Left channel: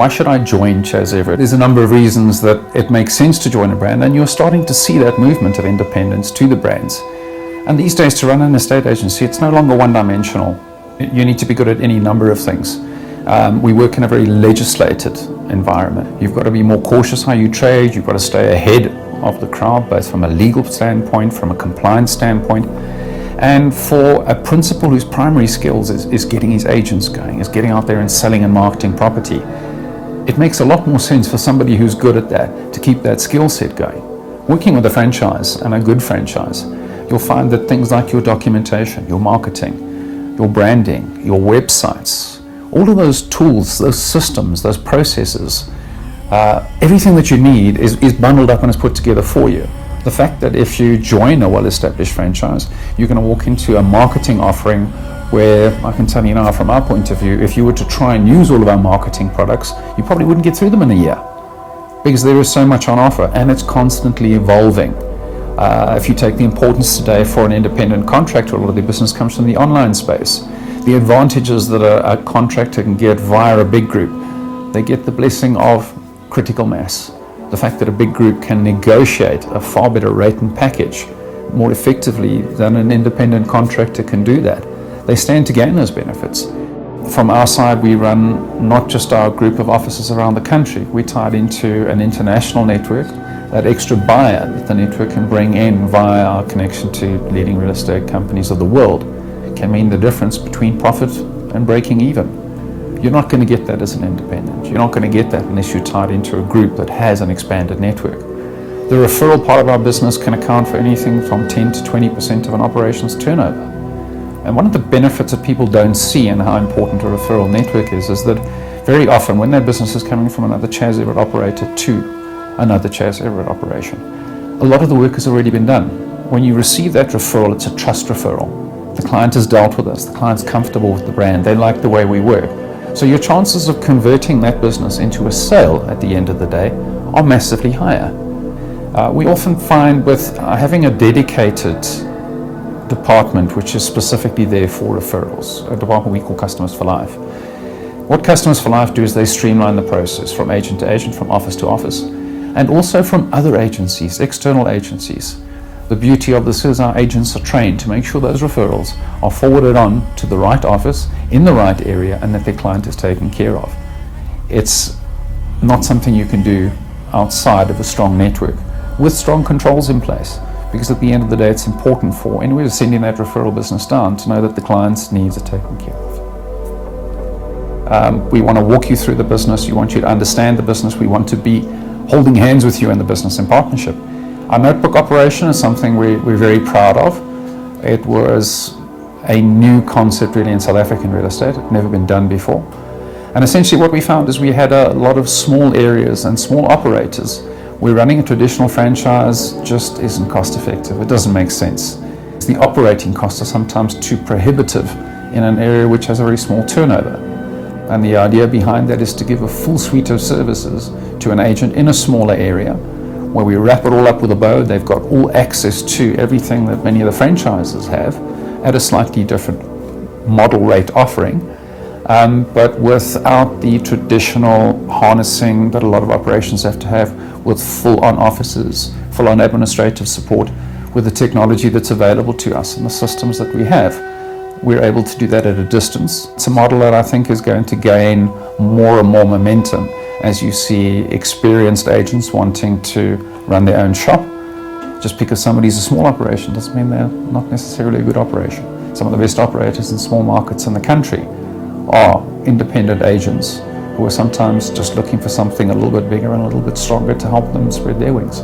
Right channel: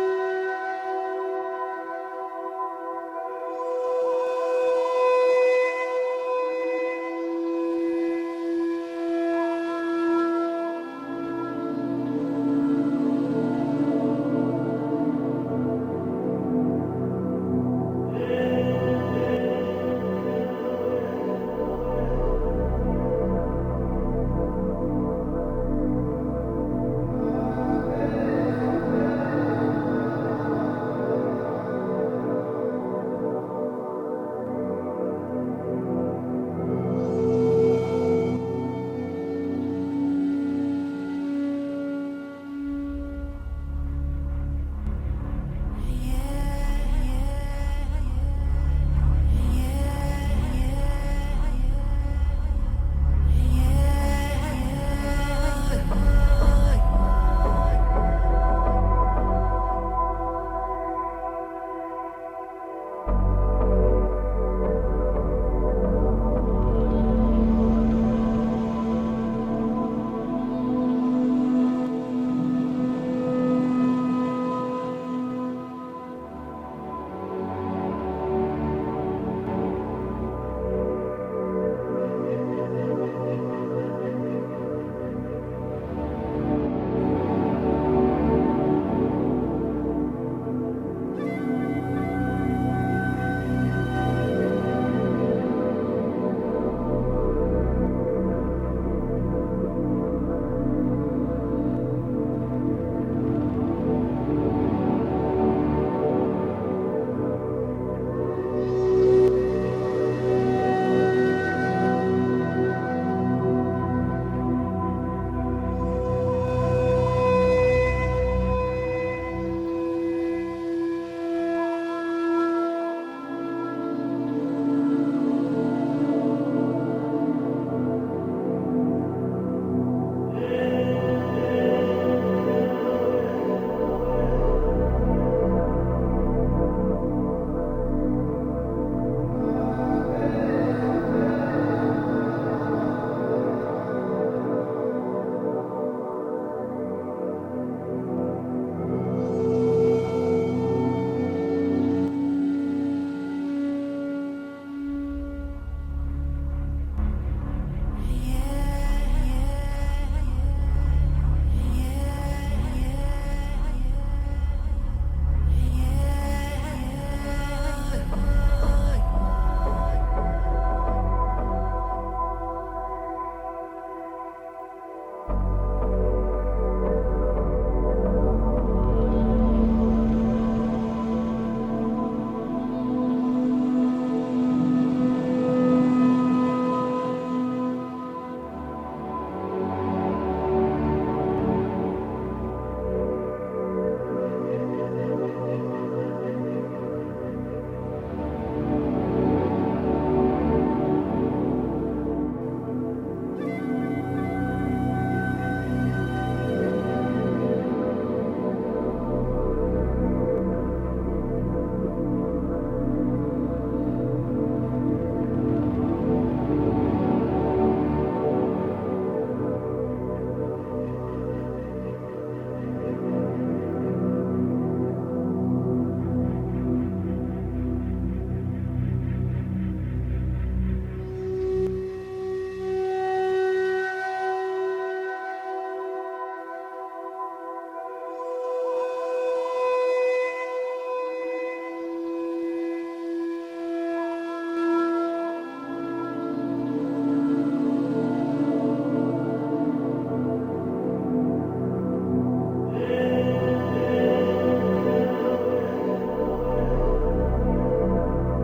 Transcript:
Why should I join Chas Everett? There's a number of reasons that it makes sense to join a brand, and you're starting to see that movement of independence to the brands. And these days, to run an estate agency, it's no longer one-dimensional. You need to be good at any number of things. We work in a very legislated environment. You've got to be more cautious how you trade. You've got to stay ahead of the crowd, both from a legal standpoint, from a compliance standpoint. And for a principal whose primary skills is getting his agents going, is getting out there and selling and marketing property, it makes a lot more sense for somebody who's good at that to keep that skill set going. Working with a franchise, and a good franchise, you'll find that things like your documentation, your marketing, your branding, your websites, all of those tools, those systems, those processes, everything that you need is bundled up and is put together for you. The fact that if you join a well-established franchise, you're going to walk into a marketing offering where, I can tell you now from our point of view, if you were to try and use all of our marketing products, you probably wouldn't get through them in a year, because there is so much on offer and it's constantly evolving. If you take the importance today for an independent contractor, a lot of the business comes from the online space. The advantages that a contractor can get via a big group, they get the blessing of critical mass. The fact that a big group can negotiate a far better rate and package more effectively than an independent contractor can do that. They stand to gain those benefits. From our side, we run not just our group of offices around the country. We tied into an international network. That extra buyer that the network can bring in via our connection to leading real estate companies of the world can mean the difference between profit and breaking even. You're not going to get that as an independent. You're not going to get that unless you're tied into a group that has an expanded network. The referral part of our business can account for anything from 10 to 20% of an operation's turnover. And one of the benefits that people don't see in how important a referral network is that very often when that business is coming from another Chas Everett operator to another Chas Everett operation, a lot of the work has already been done. When you receive that referral, it's a trust referral. The client has dealt with us, the client's comfortable with the brand, they like the way we work. So your chances of converting that business into a sale at the end of the day are massively higher. We often find with having a dedicated department which is specifically there for referrals, a department we call Customers for Life. What Customers for Life do is they streamline the process from agent to agent, from office to office, and also from other agencies, external agencies. The beauty of this is our agents are trained to make sure those referrals are forwarded on to the right office in the right area and that their client is taken care of. It's not something you can do outside of a strong network with strong controls in place, because at the end of the day it's important for anyone who's sending that referral business down to know that the client's needs are taken care of. We want to walk you through the business. We want you to understand the business. We want to be holding hands with you in the business in partnership. Our notebook operation is something we're very proud of. It was a new concept really in South African real estate. It had never been done before. And essentially what we found is we had a lot of small areas and small operators where running a traditional franchise just isn't cost effective. It doesn't make sense. The operating costs are sometimes too prohibitive in an area which has a very small turnover. And the idea behind that is to give a full suite of services to an agent in a smaller area, where we wrap it all up with a bow. They've got all access to everything that many of the franchises have at a slightly different model rate offering, but without the traditional harnessing that a lot of operations have to have with full-on offices, full-on administrative support, with the technology that's available to us and the systems that we have. We're able to do that at a distance. It's a model that I think is going to gain more and more momentum as you see experienced agents wanting to run their own shop. Just because somebody's a small operation doesn't mean they're not necessarily a good operation. Some of the best operators in small markets in the country are independent agents who are sometimes just looking for something a little bit bigger and a little bit stronger to help them spread their wings.